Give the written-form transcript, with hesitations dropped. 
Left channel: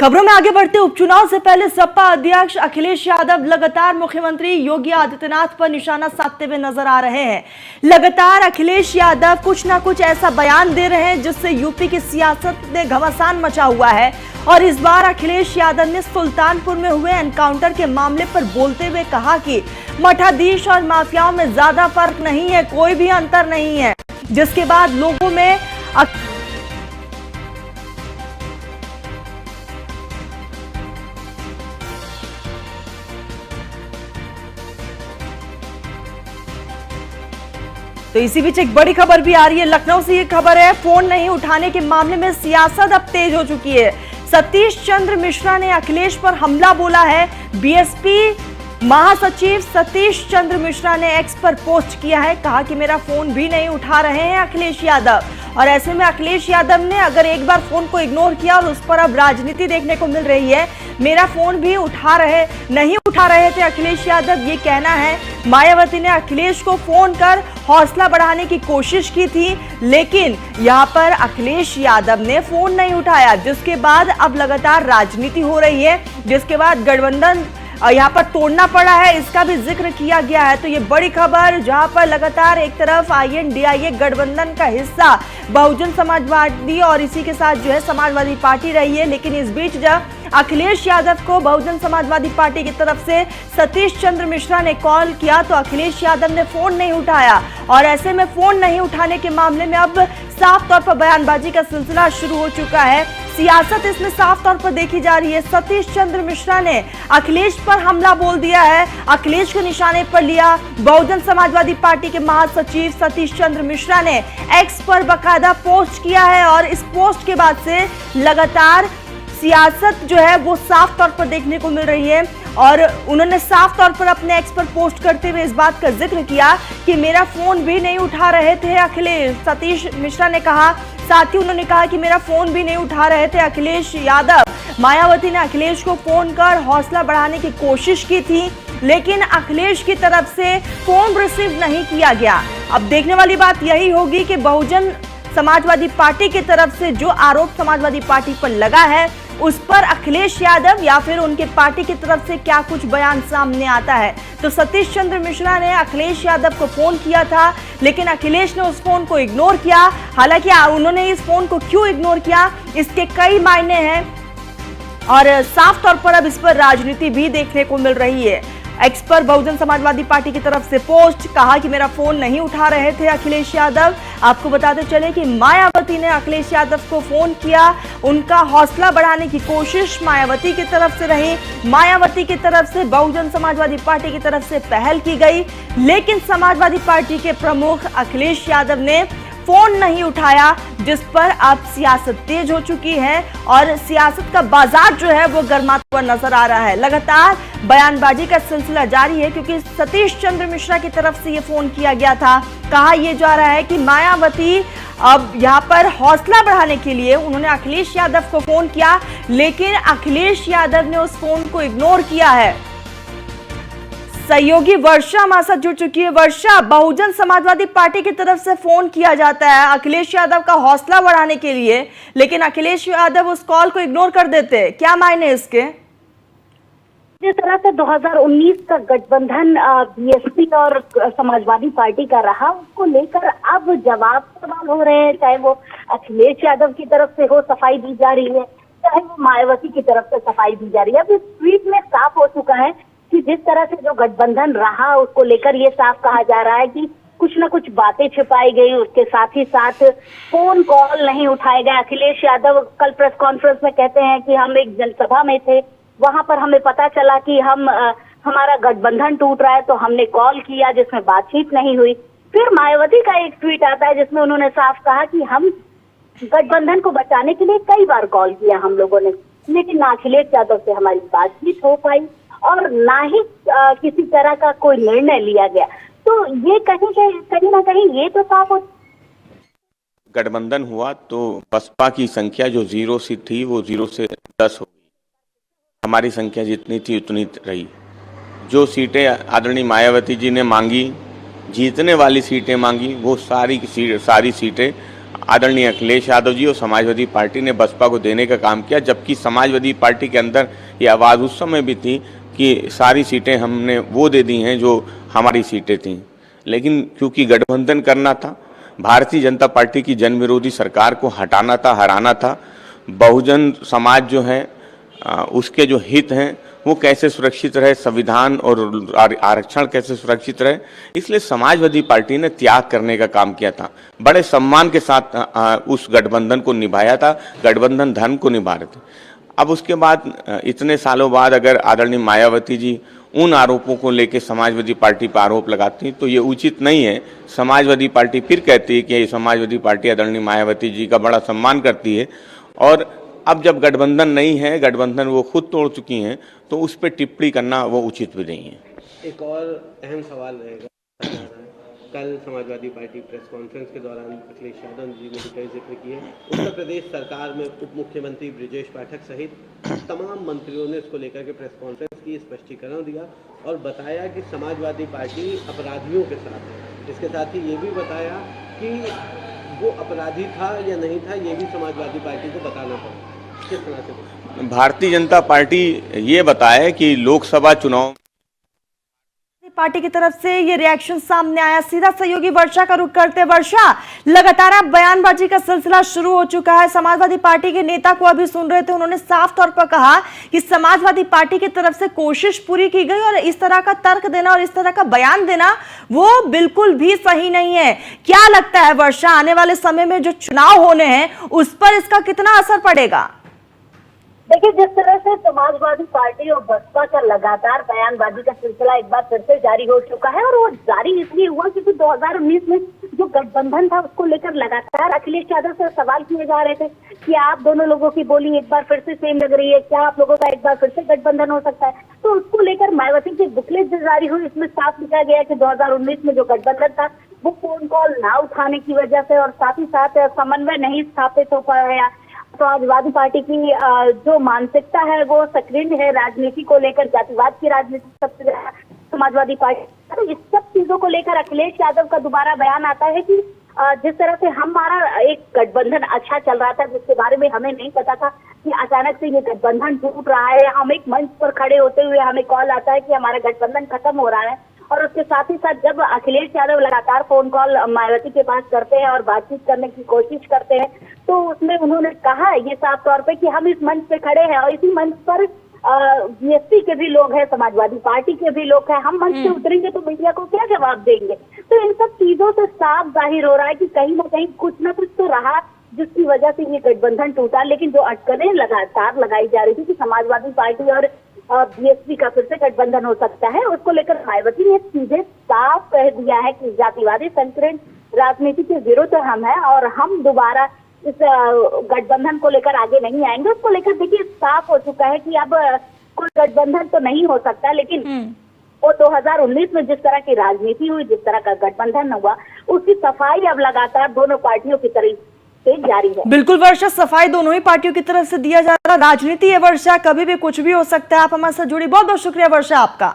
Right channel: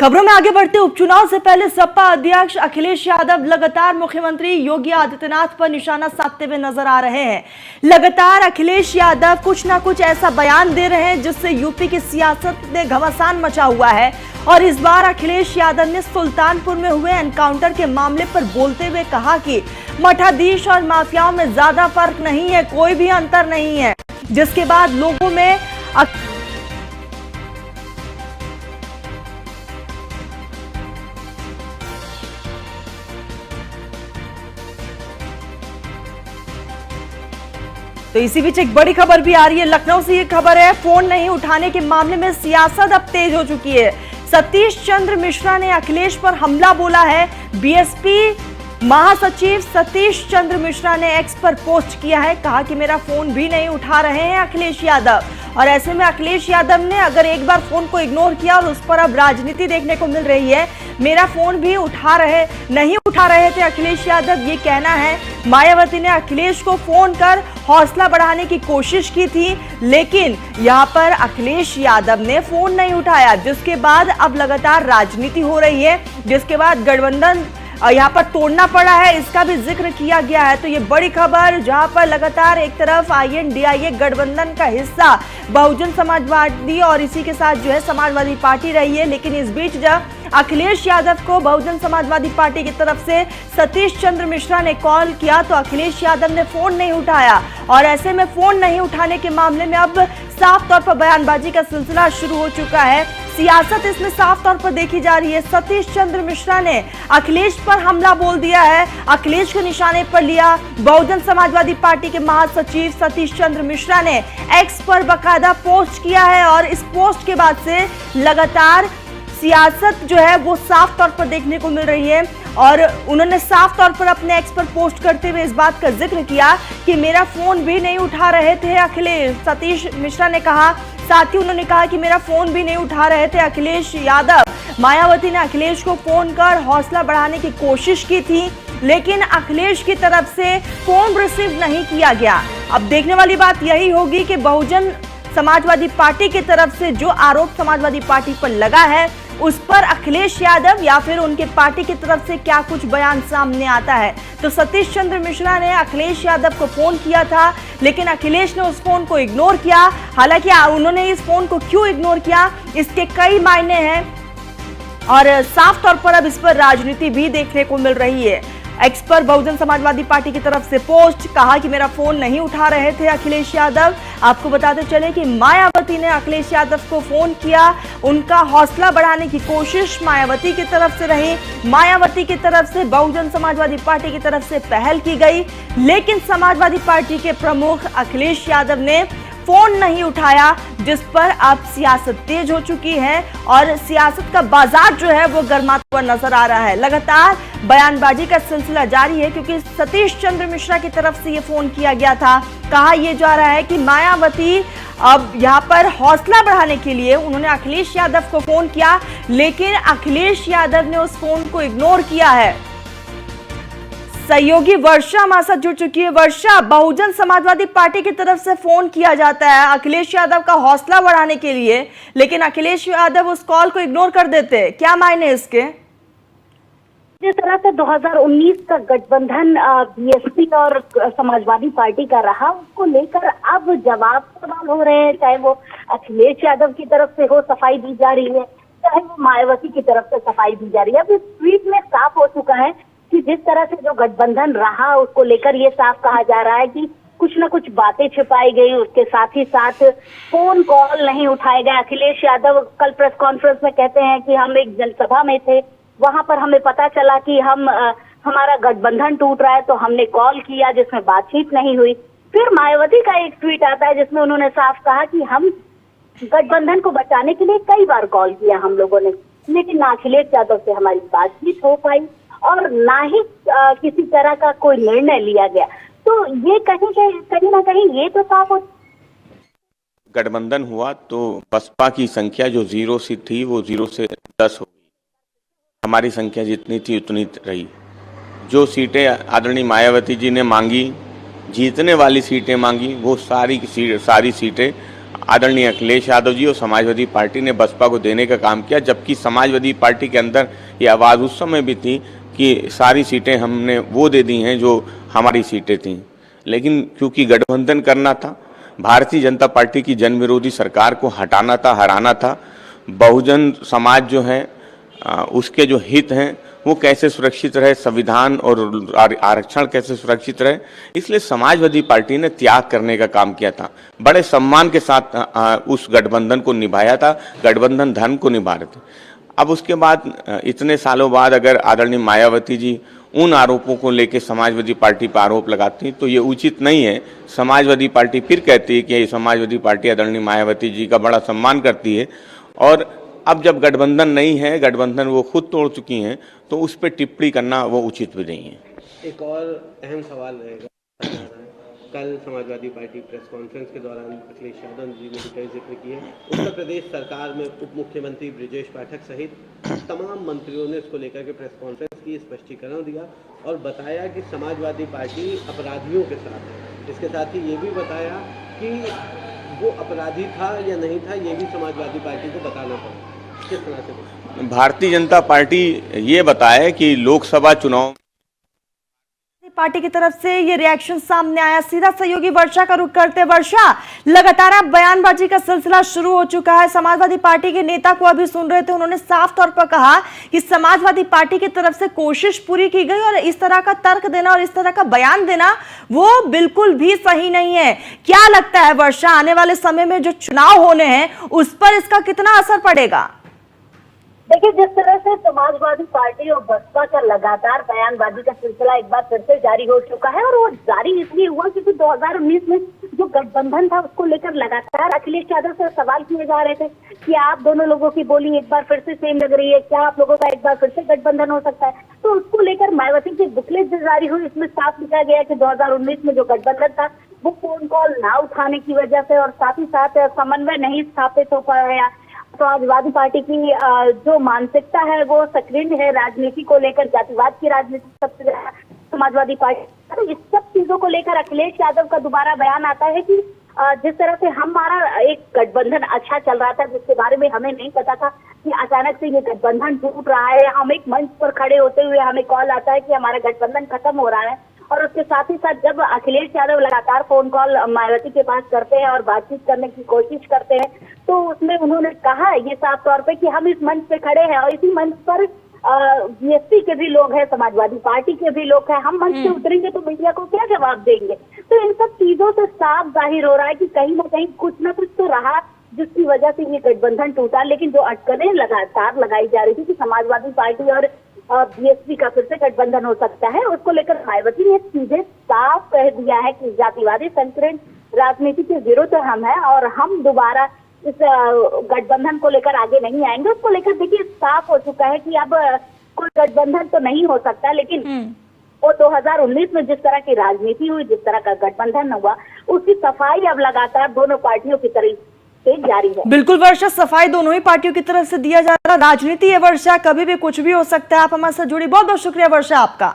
खबरों में आगे बढ़ते उपचुनाव से पहले सपा अध्यक्ष अखिलेश यादव लगातार मुख्यमंत्री योगी आदित्यनाथ पर निशाना साधते हुए नजर आ रहे हैं। लगातार अखिलेश यादव कुछ ना कुछ ऐसा बयान दे रहे हैं जिससे यूपी की सियासत में घमासान मचा हुआ है। और इस बार अखिलेश यादव ने सुल्तानपुर में हुए एनकाउंटर के मामले पर बोलते हुए कहा कि मठाधीश और माफियाओं में ज्यादा फर्क नहीं है, कोई भी अंतर नहीं है। जिसके बाद लोगों में तो इसी बीच एक बड़ी खबर भी आ रही है। लखनऊ से ये खबर है, फोन नहीं उठाने के मामले में सियासत अब तेज हो चुकी है। सतीश चंद्र मिश्रा ने अखिलेश पर हमला बोला है। बीएसपी महासचिव सतीश चंद्र मिश्रा ने एक्स पर पोस्ट किया है, कहा कि मेरा फोन भी नहीं उठा रहे हैं अखिलेश यादव। और ऐसे में अखिलेश यादव ने अगर एक बार फोन को इग्नोर किया और उस पर अब राजनीति देखने को मिल रही है। मेरा फोन भी नहीं उठा रहे थे अखिलेश यादव, ये कहना है। मायावती ने अखिलेश को फोन कर हौसला बढ़ाने की कोशिश की थी, लेकिन यहाँ पर अखिलेश यादव ने फोन नहीं उठाया, जिसके बाद अब लगातार राजनीति हो रही है, जिसके बाद गठबंधन यहाँ पर तोड़ना पड़ा है, इसका भी जिक्र किया गया है। तो ये बड़ी खबर, जहां पर लगातार एक तरफ INDIA गठबंधन का हिस्सा बहुजन समाजवादी और इसी के साथ जो है समाजवादी पार्टी रही है, लेकिन इस बीच जब अखिलेश यादव को बहुजन समाजवादी पार्टी की तरफ से सतीश चंद्र मिश्रा ने कॉल किया तो अखिलेश यादव ने फोन नहीं उठाया। और ऐसे में फोन नहीं उठाने के मामले में अब साफ तौर पर बयानबाजी का सिलसिला शुरू हो चुका है। सियासत इसमें साफ तौर पर देखी जा रही है। सतीश चंद्र मिश्रा ने अखिलेश पर हमला बोल दिया है, अखिलेश को निशाने पर लिया। बहुजन समाजवादी पार्टी के महासचिव सतीश चंद्र मिश्रा ने एक्स पर बकायदा पोस्ट किया है और इस पोस्ट के बाद से लगातार सियासत जो है वो साफ तौर पर देखने को मिल रही है। और उन्होंने साफ तौर पर अपने एक्स पर पोस्ट करते हुए इस बात का जिक्र किया कि मेरा फोन भी नहीं उठा रहे थे अखिलेश, सतीश मिश्रा ने कहा। साथ ही उन्होंने कहा कि मेरा फोन भी नहीं उठा रहे थे अखिलेश यादव। मायावती ने अखिलेश को फोन कर हौसला बढ़ाने की कोशिश की थी, लेकिन अखिलेश की तरफ से फोन रिसीव नहीं किया गया। अब देखने वाली बात यही होगी कि बहुजन समाजवादी पार्टी की तरफ से जो आरोप समाजवादी पार्टी पर लगा है उस पर अखिलेश यादव या फिर उनके पार्टी की तरफ से क्या कुछ बयान सामने आता है। तो सतीश चंद्र मिश्रा ने अखिलेश यादव को फोन किया था, लेकिन अखिलेश ने उस फोन को इग्नोर किया। हालांकि उन्होंने इस फोन को क्यों इग्नोर किया, इसके कई मायने हैं और साफ तौर पर अब इस पर राजनीति भी देखने को मिल रही है। एक्स पर बहुजन समाजवादी पार्टी की तरफ से पोस्ट, कहा कि मेरा फोन नहीं उठा रहे थे अखिलेश यादव। आपको बताते चले कि मायावती ने अखिलेश यादव को फोन किया, उनका हौसला बढ़ाने की कोशिश मायावती की तरफ से रही। मायावती की तरफ से बहुजन समाजवादी पार्टी की तरफ से पहल की गई, लेकिन समाजवादी पार्टी के प्रमुख अखिलेश यादव ने फोन नहीं उठाया, जिस पर अब सियासत तेज हो चुकी है और सियासत का बाजार जो है वो गर्माता हुआ नजर आ रहा है। लगातार बयानबाजी का सिलसिला जारी है, क्योंकि सतीश चंद्र मिश्रा की तरफ से ये फोन किया गया था। कहा यह जा रहा है कि मायावती अब यहाँ पर हौसला बढ़ाने के लिए उन्होंने अखिलेश यादव को फोन किया, लेकिन अखिलेश यादव ने उस फोन को इग्नोर किया है। सहयोगी वर्षा हमारे साथ जुड़ चुकी है। वर्षा, बहुजन समाजवादी पार्टी की तरफ से फोन किया जाता है अखिलेश यादव का हौसला बढ़ाने के लिए, लेकिन अखिलेश यादव उस कॉल को इग्नोर कर देते हैं, क्या मायने इसके? जिस तरह से 2019 का गठबंधन बीएसपी और समाजवादी पार्टी का रहा, उसको लेकर अब जवाब सवाल हो रहे हैं, चाहे वो अखिलेश यादव की तरफ से हो सफाई दी जा रही है, चाहे वो मायावती की तरफ से सफाई दी जा रही है। अब इस ट्वीट में साफ हो चुका है कि जिस तरह से जो गठबंधन रहा उसको लेकर ये साफ कहा जा रहा है कि कुछ न कुछ बातें छिपाई गई, उसके साथ ही साथ फोन कॉल नहीं उठाए गए। अखिलेश यादव कल प्रेस कॉन्फ्रेंस में कहते हैं कि हम एक जनसभा में थे, वहां पर हमें पता चला कि हमारा गठबंधन टूट रहा है, तो हमने कॉल किया जिसमें बातचीत नहीं हुई। फिर मायावती का एक ट्वीट आता है जिसमें उन्होंने साफ कहा कि हम गठबंधन को बचाने के लिए कई बार कॉल किया हम लोगों ने, लेकिन ना अखिलेश यादव से हमारी बातचीत हो पाई और ना ही किसी तरह का कोई निर्णय लिया गया। तो ये कहीं ना कहीं ये तो साफ हो। गठबंधन हुआ तो बसपा की संख्या जो 0 से थी वो 0 से 10 हो गई। हमारी संख्या जितनी थी उतनी रही। जो सीटें आदरणीय मायावती जी ने मांगी, जीतने वाली सीटें मांगी, वो सारी सीटें आदरणीय अखिलेश यादव जी और समाजवादी पार्टी ने बसपा को देने का काम किया, जबकि समाजवादी पार्टी के अंदर ये आवाज़ उस समय भी थी कि सारी सीटें हमने वो दे दी हैं जो हमारी सीटें थीं। लेकिन क्योंकि गठबंधन करना था, भारतीय जनता पार्टी की जन विरोधी सरकार को हटाना था, हराना था, बहुजन समाज जो है उसके जो हित हैं वो कैसे सुरक्षित रहे, संविधान और आरक्षण कैसे सुरक्षित रहे, इसलिए समाजवादी पार्टी ने त्याग करने का काम किया था। बड़े सम्मान के साथ उस गठबंधन को निभाया था, गठबंधन धर्म को निभा रहे थे। अब उसके बाद इतने सालों बाद अगर आदरणीय मायावती जी उन आरोपों को लेकर समाजवादी पार्टी पर आरोप लगाती तो ये उचित नहीं है। समाजवादी पार्टी फिर कहती है कि समाजवादी पार्टी आदरणीय मायावती जी का बड़ा सम्मान करती है, और अब जब गठबंधन नहीं है, गठबंधन वो खुद तोड़ चुकी हैं, तो उस पर टिप्पणी करना वो उचित भी नहीं है। एक और अहम सवाल रहेगा, कल समाजवादी पार्टी प्रेस कॉन्फ्रेंस के दौरान अखिलेश यादव जी ने कई जिक्र किए, उत्तर प्रदेश सरकार में उप मुख्यमंत्री ब्रिजेश पाठक सहित तमाम मंत्रियों ने इसको लेकर के प्रेस कॉन्फ्रेंस की, स्पष्टीकरण दिया और बताया कि समाजवादी पार्टी अपराधियों के साथ है। इसके साथ ही ये भी बताया कि वो अपराधी था या नहीं था, ये भी समाजवादी पार्टी को बताना पड़ा। किस तरह से? भारतीय जनता पार्टी ये बताए कि लोकसभा चुनाव पार्टी की तरफ से ये रिएक्शन सामने आया। सीधा सहयोगी वर्षा का रुख करते। वर्षा, लगातार आप बयानबाजी का सिलसिला शुरू हो चुका है। समाजवादी पार्टी के नेता को अभी सुन रहे थे, उन्होंने साफ तौर पर कहा कि समाजवादी पार्टी की तरफ से कोशिश पूरी की गई और इस तरह का तर्क देना और इस तरह का बयान देना वो बिल्कुल भी सही नहीं है। क्या लगता है वर्षा, आने वाले समय में जो चुनाव होने हैं उस पर इसका कितना असर पड़ेगा? देखिए, जिस तरह से समाजवादी पार्टी और बसपा का लगातार बयानबाजी का सिलसिला एक बार फिर से जारी हो चुका है, और वो जारी इसलिए हुआ क्योंकि 2019 में जो गठबंधन था उसको लेकर लगातार अखिलेश यादव से सवाल किए जा रहे थे कि आप दोनों लोगों की बोली एक बार फिर से सेम लग रही है, क्या आप लोगों का एक बार फिर से गठबंधन हो सकता है? तो उसको लेकर मायावती की बुकलेट जो जारी हुई, इसमें साफ लिखा गया कि 2019 में जो गठबंधन था वो फोन कॉल ना उठाने की वजह से और साथ ही साथ समन्वय नहीं स्थापित हो पाया। समाजवादी पार्टी की जो मानसिकता है वो सक्रिय है राजनीति को लेकर, जातिवाद की राजनीति सबसे ज्यादा समाजवादी पार्टी। तो इस सब चीजों को लेकर अखिलेश यादव का दोबारा बयान आता है कि जिस तरह से हमारा एक गठबंधन अच्छा चल रहा था, जिसके बारे में हमें नहीं पता था कि अचानक से ये गठबंधन टूट रहा है। हम एक मंच पर खड़े होते हुए हमें कॉल आता है कि हमारा गठबंधन खत्म हो रहा है, और उसके साथ ही साथ जब अखिलेश यादव लगातार फोन कॉल मायावती के पास करते हैं और बातचीत करने की कोशिश करते हैं, तो उसमें उन्होंने कहा ये साफ तौर पे कि हम इस मंच पे खड़े हैं और इसी मंच पर बीएसपी के भी लोग हैं, समाजवादी पार्टी के भी लोग हैं, हम मंच पे उतरेंगे तो मीडिया को क्या जवाब देंगे? तो इन सब चीजों से साफ जाहिर हो रहा है कि कहीं ना कहीं कुछ ना कुछ तो रहा जिसकी वजह से ये गठबंधन टूटा। लेकिन जो अटकलें लगातार लगाई जा रही थी कि समाजवादी पार्टी और बीएसपी का फिर से गठबंधन हो सकता है, उसको लेकर मायावती ने सीधे साफ कह दिया है कि जातिवादी संकीर्ण राजनीति के विरुद्ध हम हैं और हम दोबारा इस गठबंधन को लेकर आगे नहीं आएंगे। उसको लेकर देखिए साफ हो चुका है कि अब कोई गठबंधन तो नहीं हो सकता, लेकिन वो 2019 में जिस तरह की राजनीति हुई, जिस तरह का गठबंधन हुआ, उसकी सफाई अब लगातार दोनों पार्टियों की तरफ से जारी है। बिल्कुल वर्षा, सफाई दोनों ही पार्टियों की तरफ से दिया जा रहा है। राजनीति है वर्षा, कभी भी कुछ भी हो सकता है। आप हमारे साथ जुड़ी, बहुत बहुत शुक्रिया वर्षा आपका।